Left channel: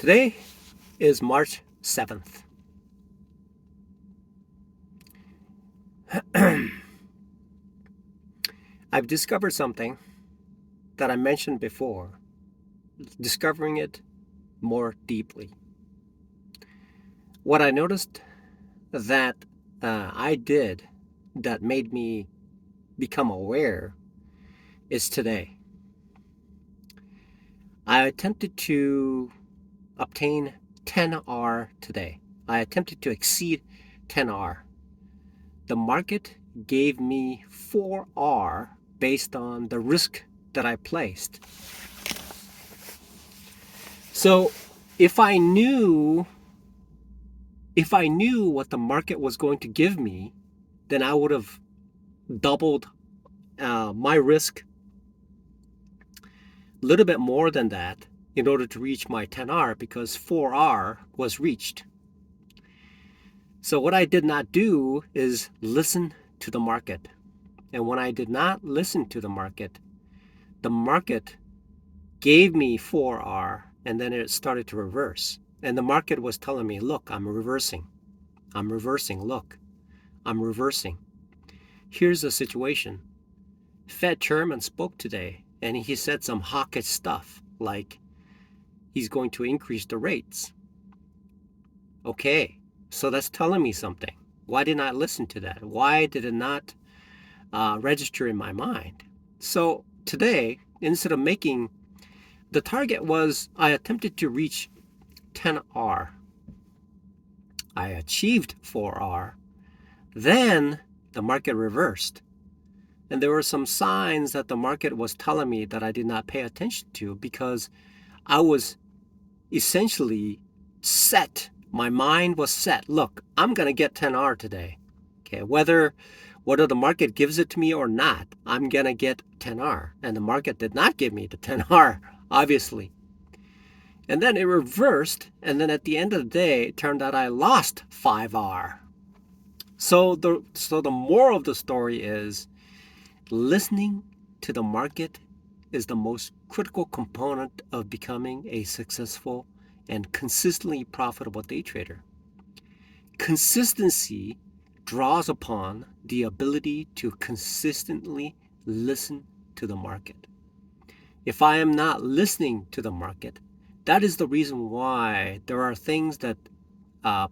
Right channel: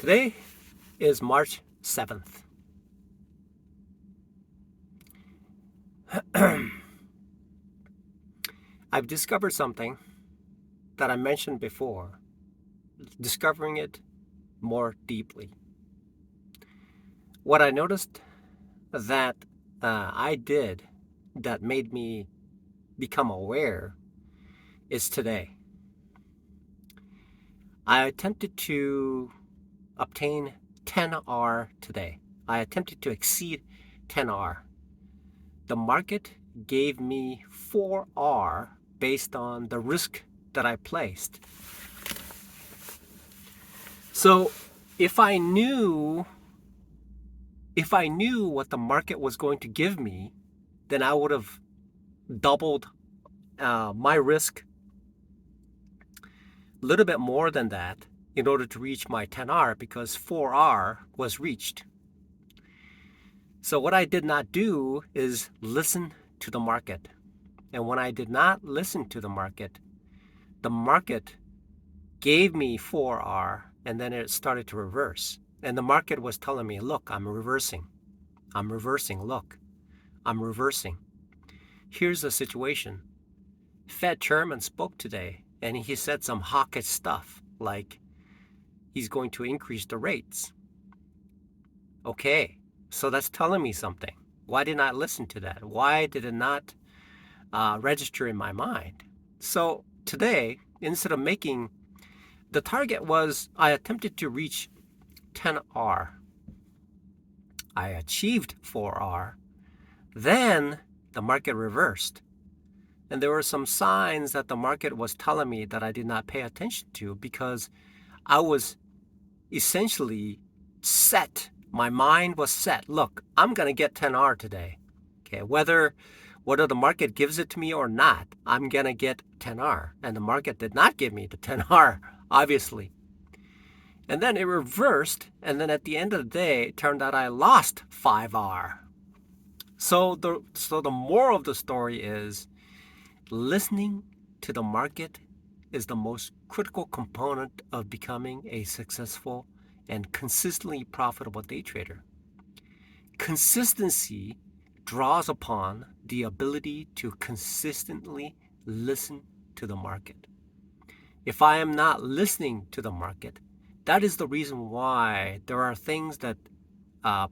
Today is March 7th. I've discovered something that I mentioned before, discovering it more deeply. What I noticed that I did that made me become aware is today. I attempted to obtain 10R today. I attempted to exceed 10R. The market gave me 4R based on the risk that I placed. So if I knew what the market was going to give me, then I would have doubled my risk a little bit more than that in order to reach my 10R, because 4R was reached. So what I did not do is listen to the market. And when I did not listen to the market gave me 4R, and then it started to reverse. And the market was telling me, look, I'm reversing, look, I'm reversing. Here's the situation. Fed chairman spoke today, and he said some hawkish stuff, like he's going to increase the rates. Okay, so that's telling me something. Why didn't I listen to that? Why did it not register in my mind? So today, instead of making, the target was, I attempted to reach 10R. I achieved 4R. Then the market reversed. And there were some signs that the market was telling me that I did not pay attention to, because I was essentially set. My mind was set. Look, I'm going to get 10R today. Okay, whether the market gives it to me or not, I'm going to get 10R. And the market did not give me the 10R, obviously. And then it reversed, and then at the end of the day, it turned out I lost 5R. So the moral of the story is, listening to the market is the most critical component of becoming a successful and consistently profitable day trader. Consistency draws upon the ability to consistently listen to the market. If I am not listening to the market, that is the reason why there are things that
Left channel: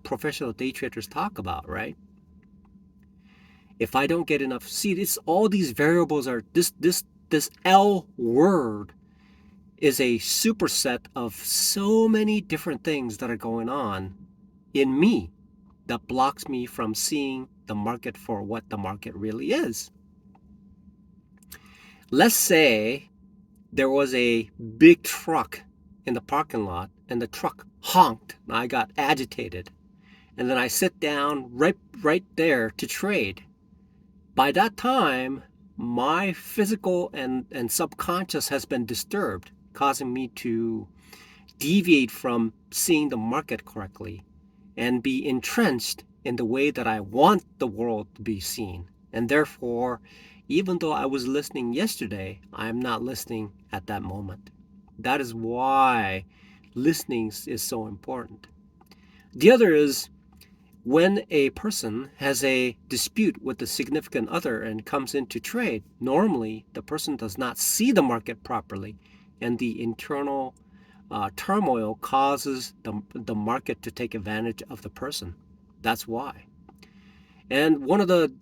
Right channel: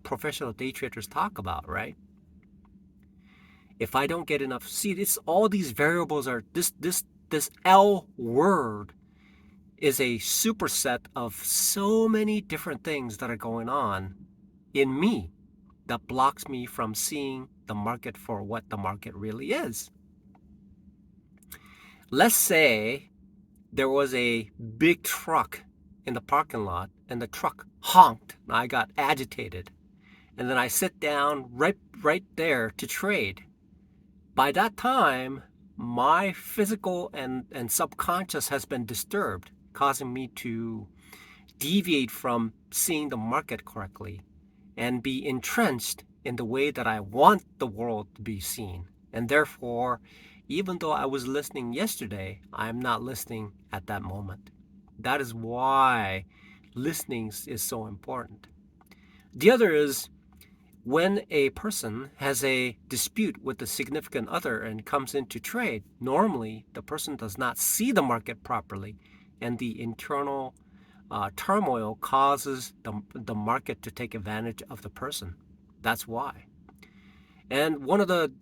professional day traders talk about, right? If I don't get enough, see, it's all these variables are this L word is a superset of so many different things that are going on in me that blocks me from seeing the market for what the market really is. Let's say there was a big truck in the parking lot, and the truck honked, and I got agitated. And then I sit down right there to trade. By that time, my physical and subconscious has been disturbed, causing me to deviate from seeing the market correctly and be entrenched in the way that I want the world to be seen. And therefore, even though I was listening yesterday, I am not listening at that moment. That is why listening is so important. The other is, when a person has a dispute with a significant other and comes into trade, normally the person does not see the market properly, and the internal turmoil causes the market to take advantage of the person. That's why. And one of the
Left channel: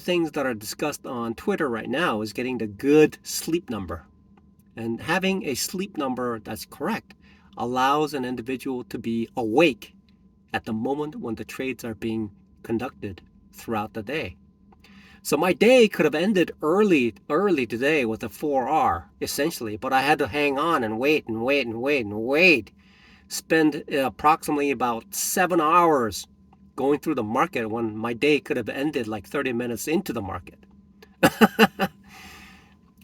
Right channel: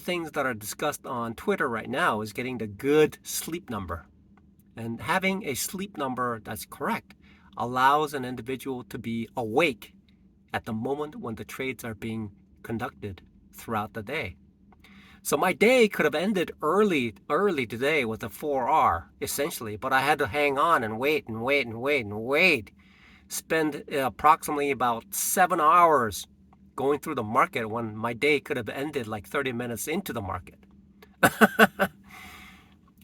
things that are discussed on Twitter right now is getting the good sleep number. And having a sleep number that's correct allows an individual to be awake at the moment when the trades are being conducted throughout the day. So my day could have ended early today with a 4R, essentially, but I had to hang on and wait. Spend approximately about 7 hours going through the market when my day could have ended like 30 minutes into the market.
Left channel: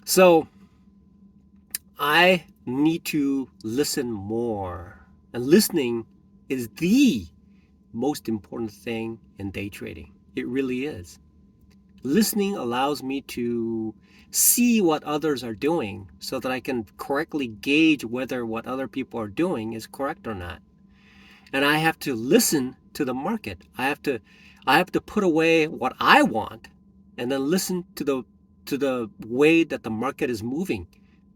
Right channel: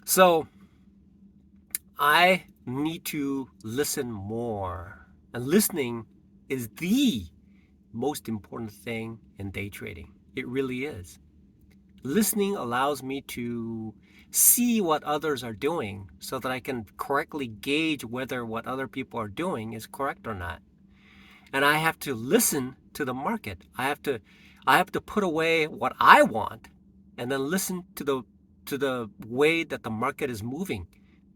So I need to listen more. And listening is the most important thing in day trading. It really is. Listening allows me to see what others are doing so that I can correctly gauge whether what other people are doing is correct or not. And I have to listen to the market. I have to put away what I want and then listen to the way that the market is moving.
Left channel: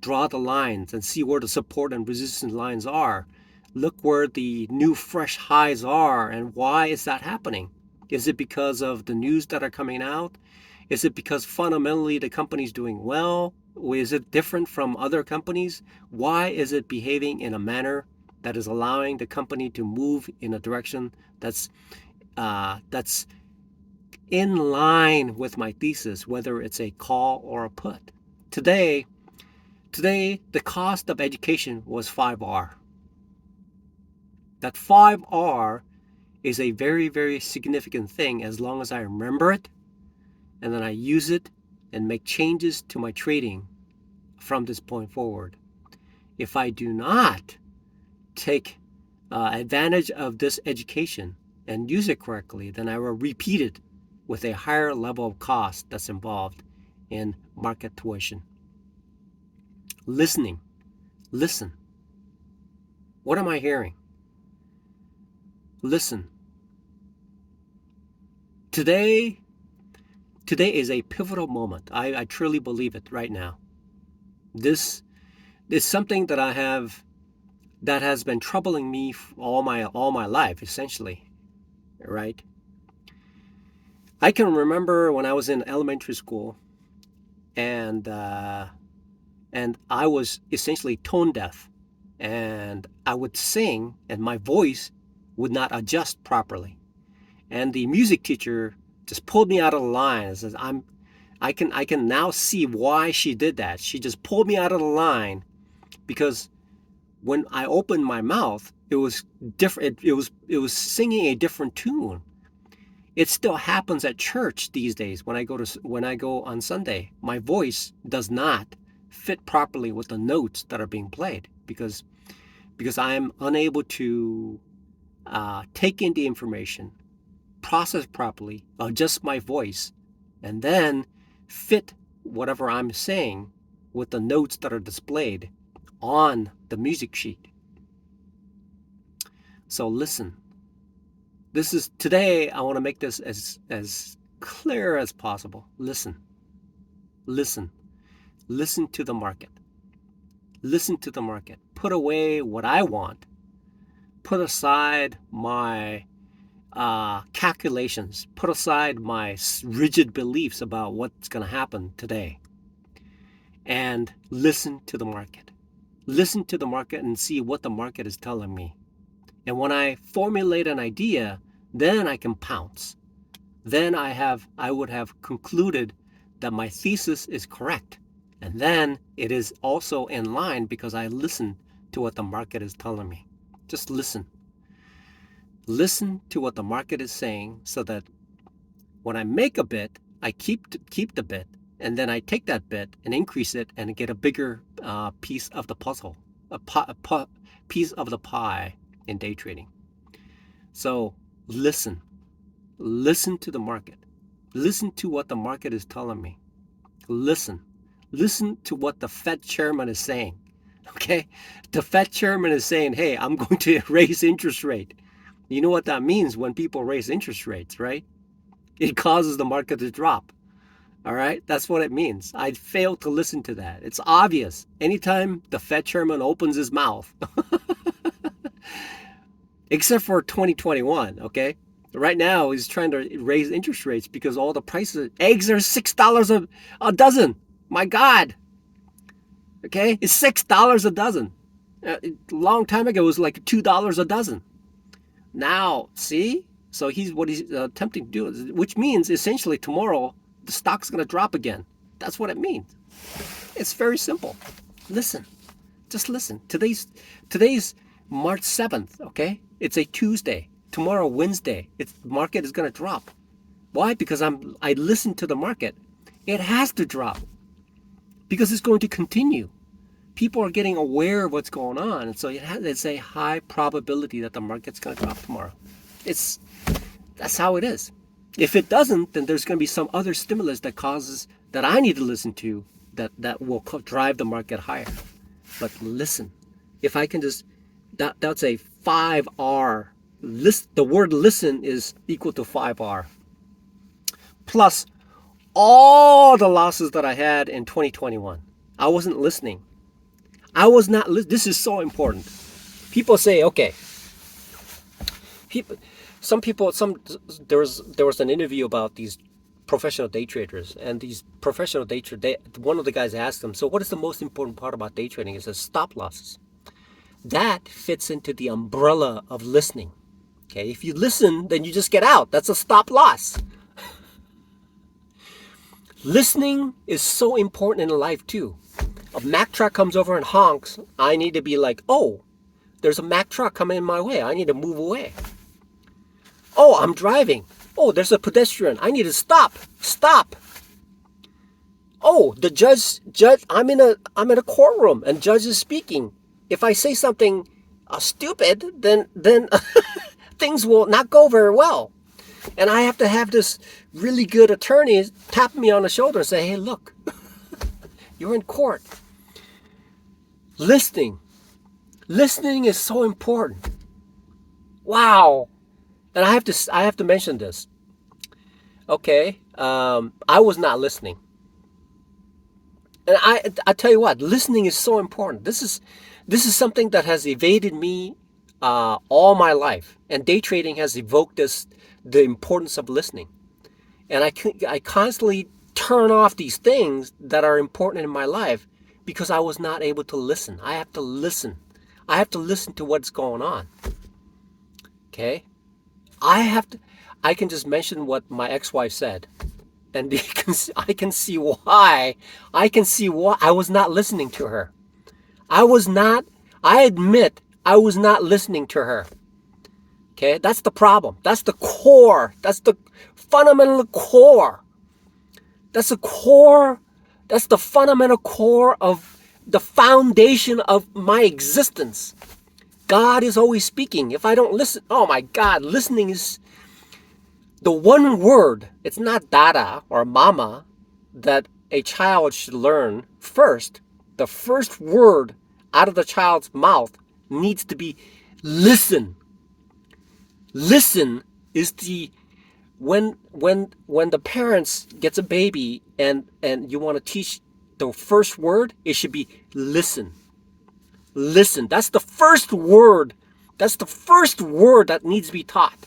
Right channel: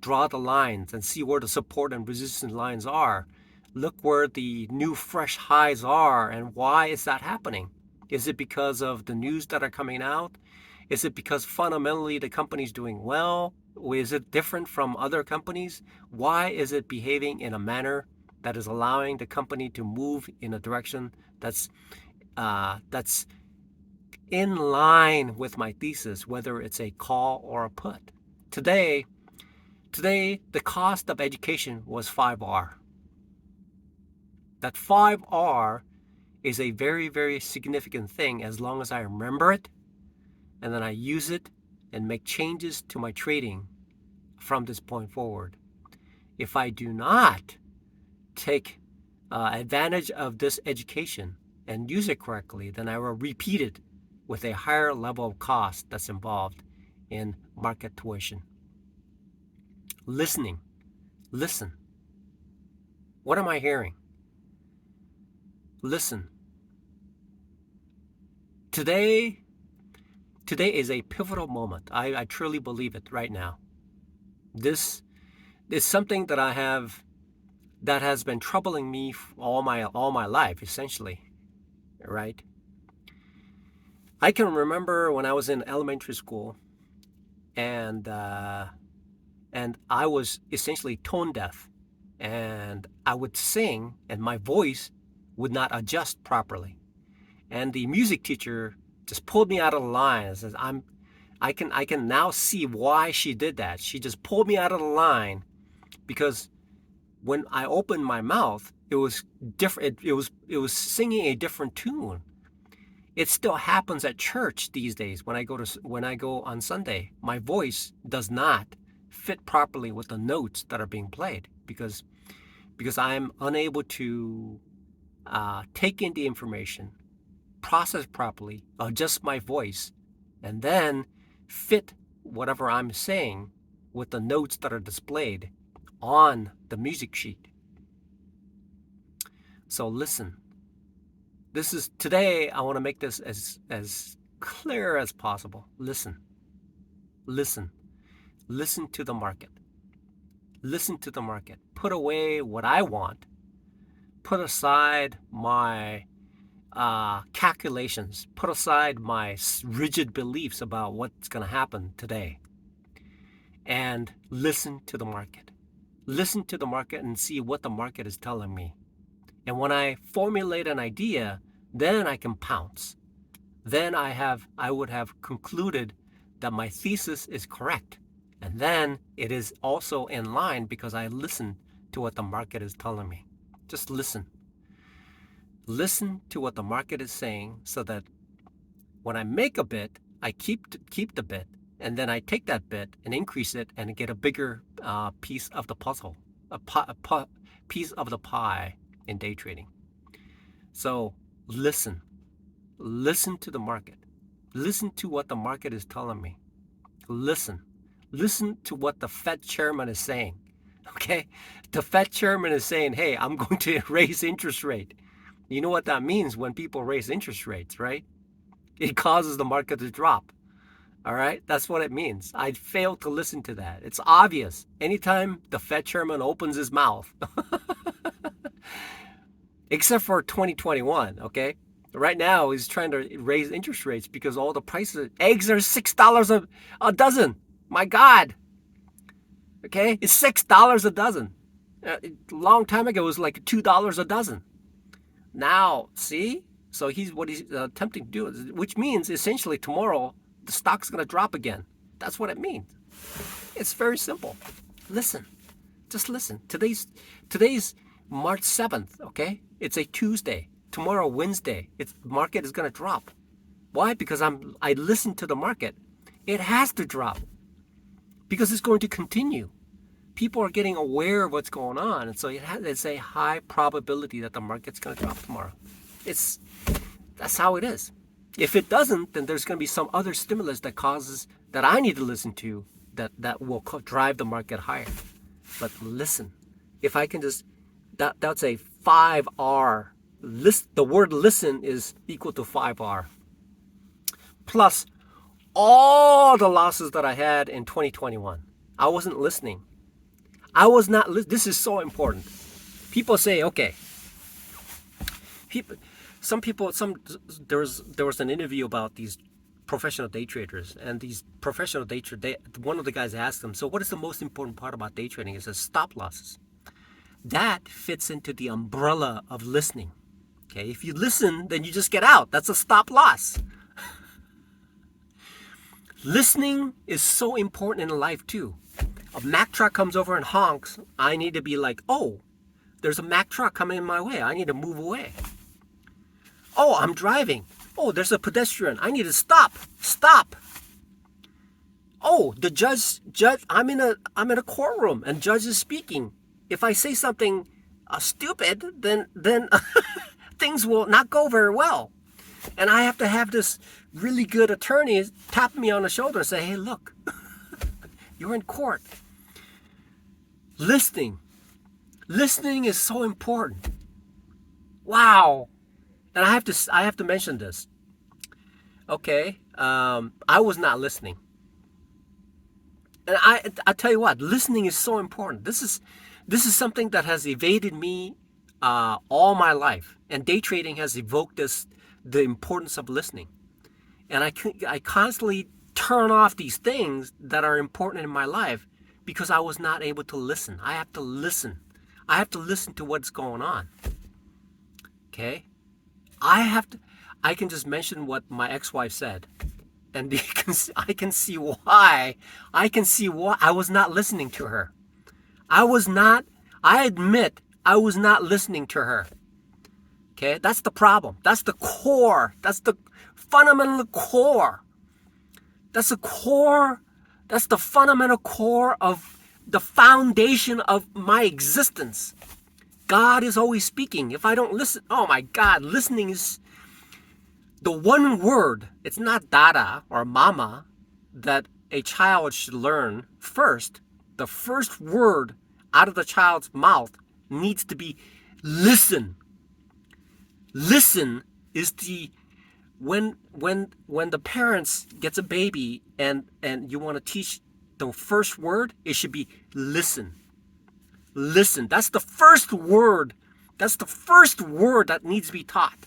Draw the lines and see where the support and resistance lines are. Look where the new fresh highs are and why is that happening? Is it because of the news that are coming out? Is it because fundamentally the company's doing well? Or is it different from other companies? Why is it behaving in a manner that is allowing the company to move in a direction that's in line with my thesis, whether it's a call or a put? Today, the cost of education was 5R. That 5R is a very, very significant thing as long as I remember it and then I use it and make changes to my trading from this point forward. If I do not take advantage of this education and use it correctly, then I will repeat it with a higher level of cost that's involved in market tuition. Listening. Listen. What am I hearing? Listen. Today is a pivotal moment. I truly believe it right now. This is something that has been troubling me all my life, essentially, right? I can remember when I was in elementary school, and I was essentially tone deaf, and I would sing, and my voice would not adjust properly, and the music teacher just pulled me out of the line and says, I can now see why she did that. She just pulled me out of the line because when I opened my mouth, it was different. It was singing a different tune. It still happens at church these days when I go on Sunday. My voice does not fit properly with the notes that are being played because I'm unable to take in the information, process properly, adjust my voice, and then fit whatever I'm saying with the notes that are displayed on the music sheet. So listen. Today I want to make this as clear as possible. Listen. Listen to the market. Listen to the market. Put away what I want. Put aside my calculations. Put aside my rigid beliefs about what's going to happen today. And listen to the market. Listen to the market and see what the market is telling me. And when I formulate an idea, then I can pounce. Then I would have concluded that my thesis is correct. And then it is also in line because I listened to what the market is telling me. Just listen. Listen to what the market is saying so that when I make a bit, I keep the bit, and then I take that bit and increase it and get a bigger piece of the puzzle, a piece of the pie in day trading. So listen to the market. Listen to what the market is telling me. Listen to what the Fed chairman is saying. Okay, the Fed chairman is saying, hey, I'm going to raise interest rate. You know what that means when people raise interest rates, right? It causes the market to drop. All right, that's what it means. I failed to listen to that. It's obvious. Anytime the Fed chairman opens his mouth, except for 2021, okay? Right now, he's trying to raise interest rates because all the prices, eggs are $6 a dozen. My God. Okay, it's $6 a dozen. A long time ago, it was like $2 a dozen. Now, see? So what he's attempting to do, which means essentially tomorrow, the stock's going to drop again. That's what it means. It's very simple. Listen. Just listen. Today's March 7th, okay? It's a Tuesday. Tomorrow, Wednesday, the market is going to drop. Why? Because I listened to the market. It has to drop because it's going to continue. People are getting aware of what's going on, and so it's a high probability that the market's going to drop tomorrow. That's how it is. If it doesn't, then there's going to be some other stimulus that I need to listen to that will drive the market higher. But listen, if I can just, that's a 5R. The word listen is equal to 5R. Plus all the losses that I had in 2021. I wasn't listening. I was not, this is so important. People say, okay, there was an interview about these professional day traders, and these professional day traders, one of the guys asked them, so what is the most important part about day trading? He says stop losses. That fits into the umbrella of listening. Okay, if you listen, then you just get out. That's a stop loss. Listening is so important in life too. A Mack truck comes over and honks. I need to be like, oh, there's a Mack truck coming in my way. I need to move away. Oh, I'm driving. Oh, there's a pedestrian. I need to stop. Stop. Oh, the judge. I'm in a courtroom and judge is speaking. If I say something stupid, then things will not go very well. And I have to have this really good attorney tap me on the shoulder and say, hey, look, you're in court. Listening is so important. Wow. And I have to mention this. Okay, I was not listening. And I tell you what, listening is so important. This is something that has evaded me all my life. And day trading has evoked the importance of listening. And I constantly turn off these things that are important in my life because I was not able to listen. I have to listen. I have to listen to what's going on. Okay? I can just mention what my ex-wife said. And I can see why. I was not listening to her. I admit I was not listening to her. Okay, that's the problem. That's the core. That's the fundamental core. That's the core. That's the fundamental core of the foundation of my existence. God is always speaking. If I don't listen, oh my God, listening is the one word. It's not dada or mama that a child should learn first. The first word out of the child's mouth needs to be listen. Listen is when the parents gets a baby and you want to teach the first word, it should be listen. Listen. That's the first word. That's the first word that needs to be taught.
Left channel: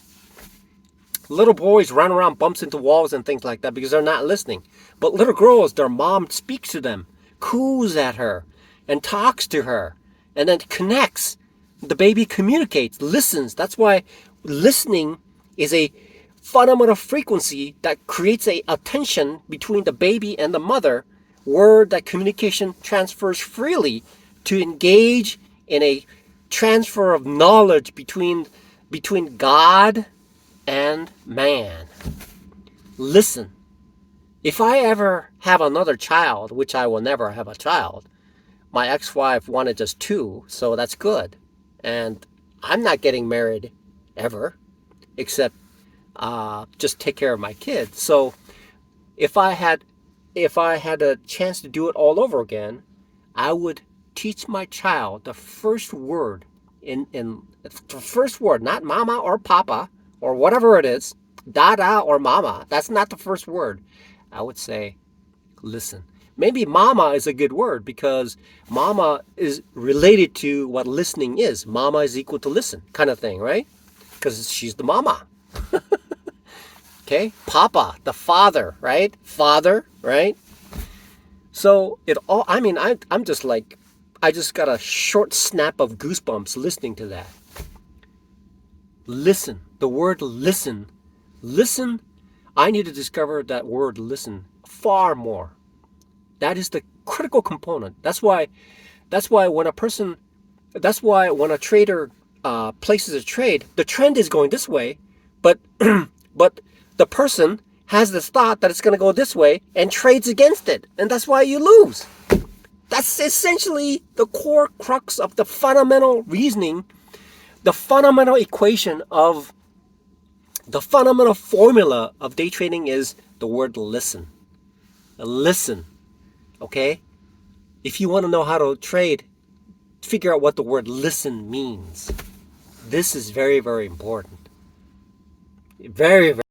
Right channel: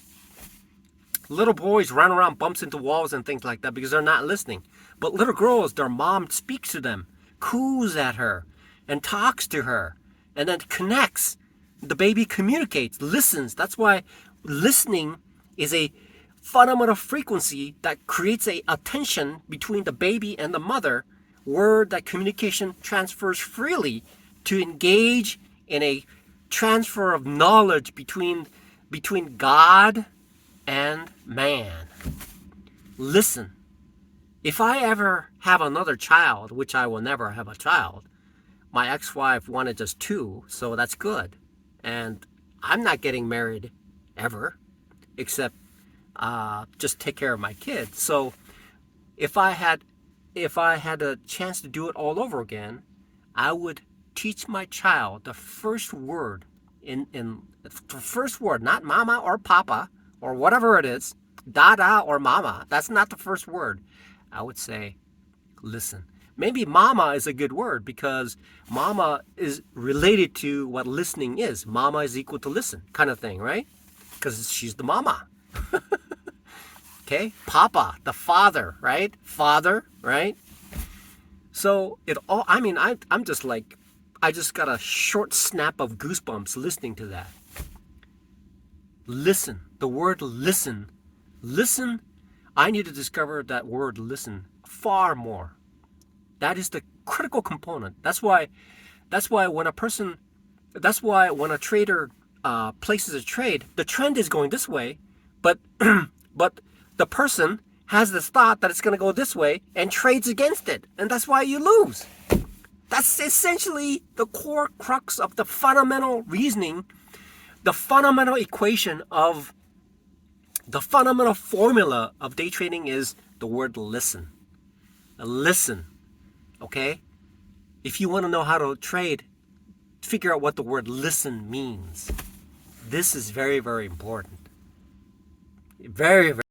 Little boys run around, bumps into walls and things like that because they're not listening. But little girls, their mom speaks to them, coos at her, and talks to her, and then connects. The baby communicates, listens. That's why listening is a fundamental frequency that creates a tension between the baby and the mother, where that communication transfers freely to engage in a transfer of knowledge between God and man. Listen. If I ever have another child, which I will never have a child, my ex-wife wanted just 2, so that's good. And I'm not getting married ever, except just take care of my kids. So if I had a chance to do it all over again, I would teach my child the first word in the first word, not mama or papa or whatever it is, dada or mama. That's not the first word. I would say, listen. Maybe mama is a good word because mama is related to what listening is. Mama is equal to listen kind of thing, right? Because she's the mama. Okay? Papa, the father, right? Father, right? So I'm just like, I just got a short snap of goosebumps listening to that. Listen. The word listen. Listen. I need to discover that word listen far more. That is the critical component. That's why when a trader places a trade, the trend is going this way, but the person has this thought that it's going to go this way and trades against it, and that's why you lose. That's essentially the core crux of the fundamental reasoning, the fundamental equation of the fundamental formula of day trading is the word listen. Listen. Okay? If you want to know how to trade, figure out what the word listen means. This is very, very important. Very, very